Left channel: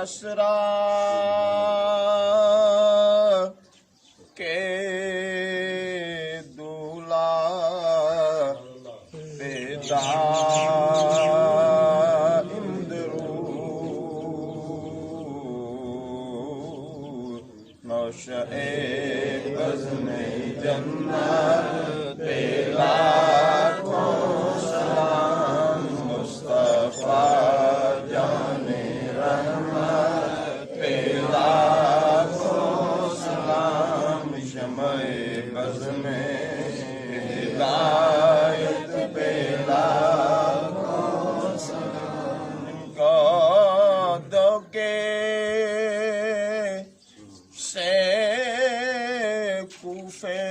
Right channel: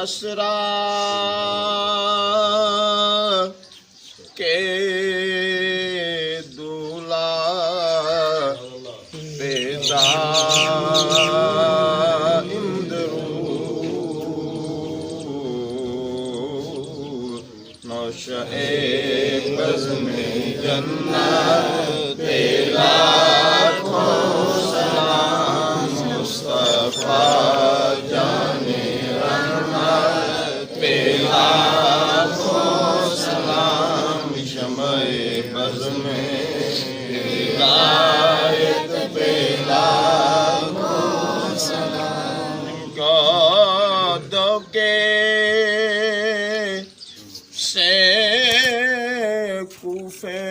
असरा के दूला पैदा नौशे बज़्म जन्नत लाखों सलाम मुस्तफा जाने रहमत लाखों सलाम शमए बज़्म हिदायत लाखों सलाम गौदों के से कूफे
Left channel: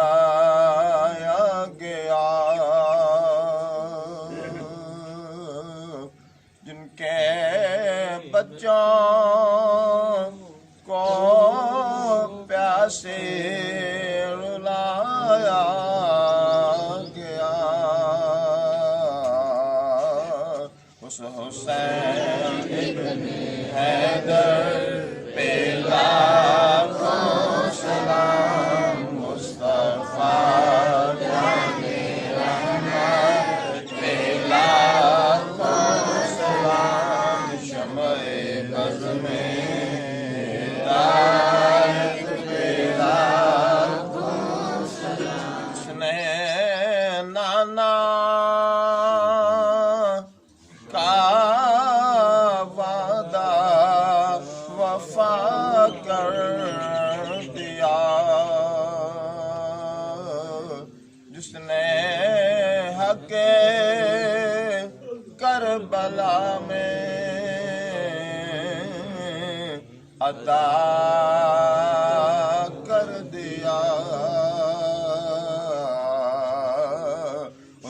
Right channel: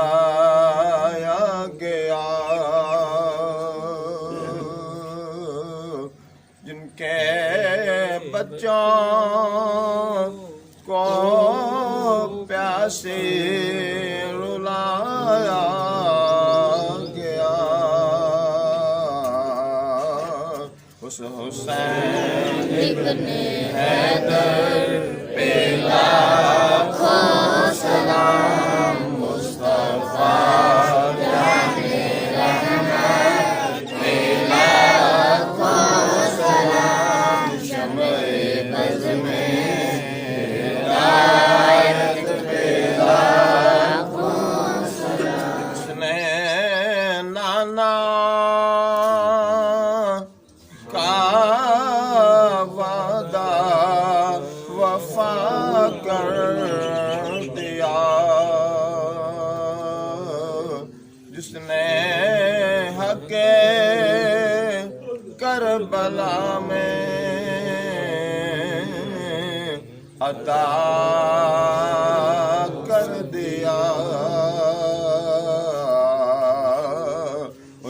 बुलाया गया जिनके बच्चों को प्यासे रुलाया गया उस हुसैन इब्ने हैदर पे लाखों सलाम मुस्तफा जाने रहमत पे लाखों सलाम शमए बज़्म हिदायत पे लाखों सलाम उसने नाना का वादा वफा कर दिया जिसने हक़ करबला में अदा कर दिया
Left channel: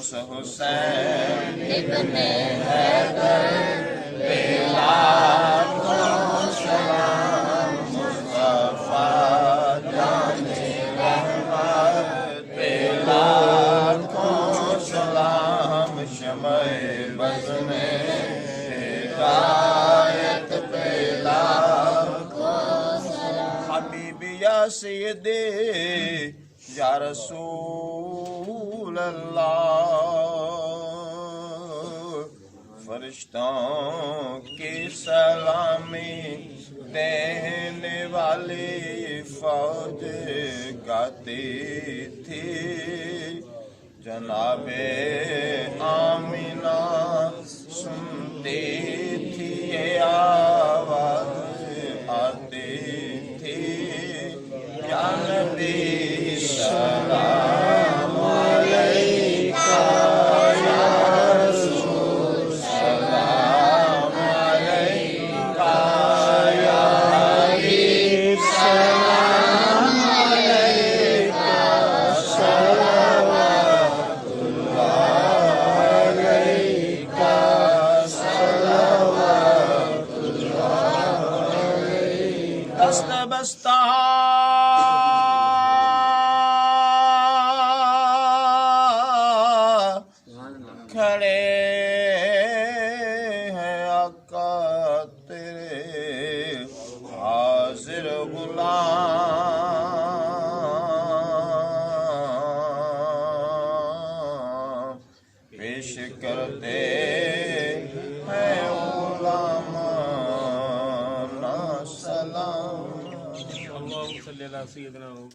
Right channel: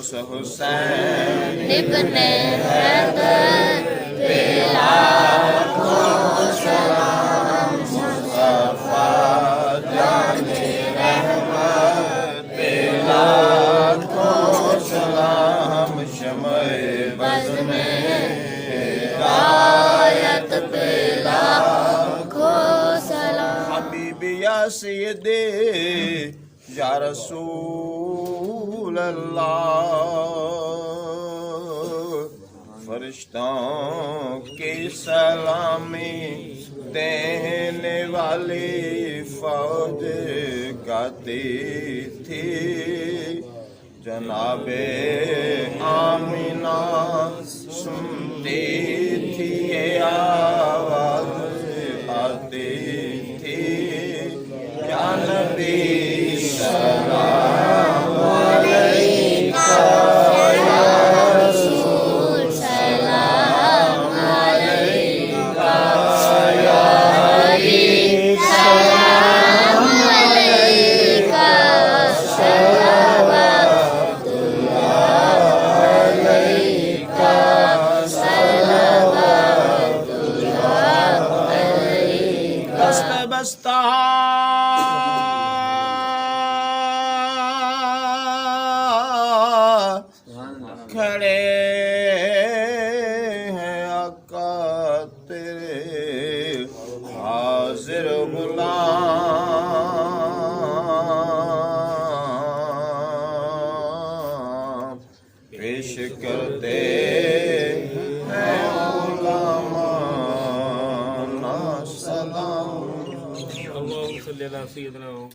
उस हुसैन इब्ने हैदर पे लाखों सलाम मुस्तफा जाने रहमत पे लाखों सलाम शमए बज़्म हिदायत पे लाखों सलाम हबीबी या सय्यदी या रसूल अल्लाह फरिश्तों की सलामी देने वाली फौज गाती थी जनाबे आमिना सुनती थी ये आवाज आती थी या नबी सलाम अलैका या रसूल सलाम अलैका या हबीब सलाम अलैका सलवातुल्लाह अलैका सलवातुल्लाह अलैका बस्ता बस्ता खड़े हैं आका तेरे हाजिर गुलाम पेश करते हैं गुलामाना सलाम।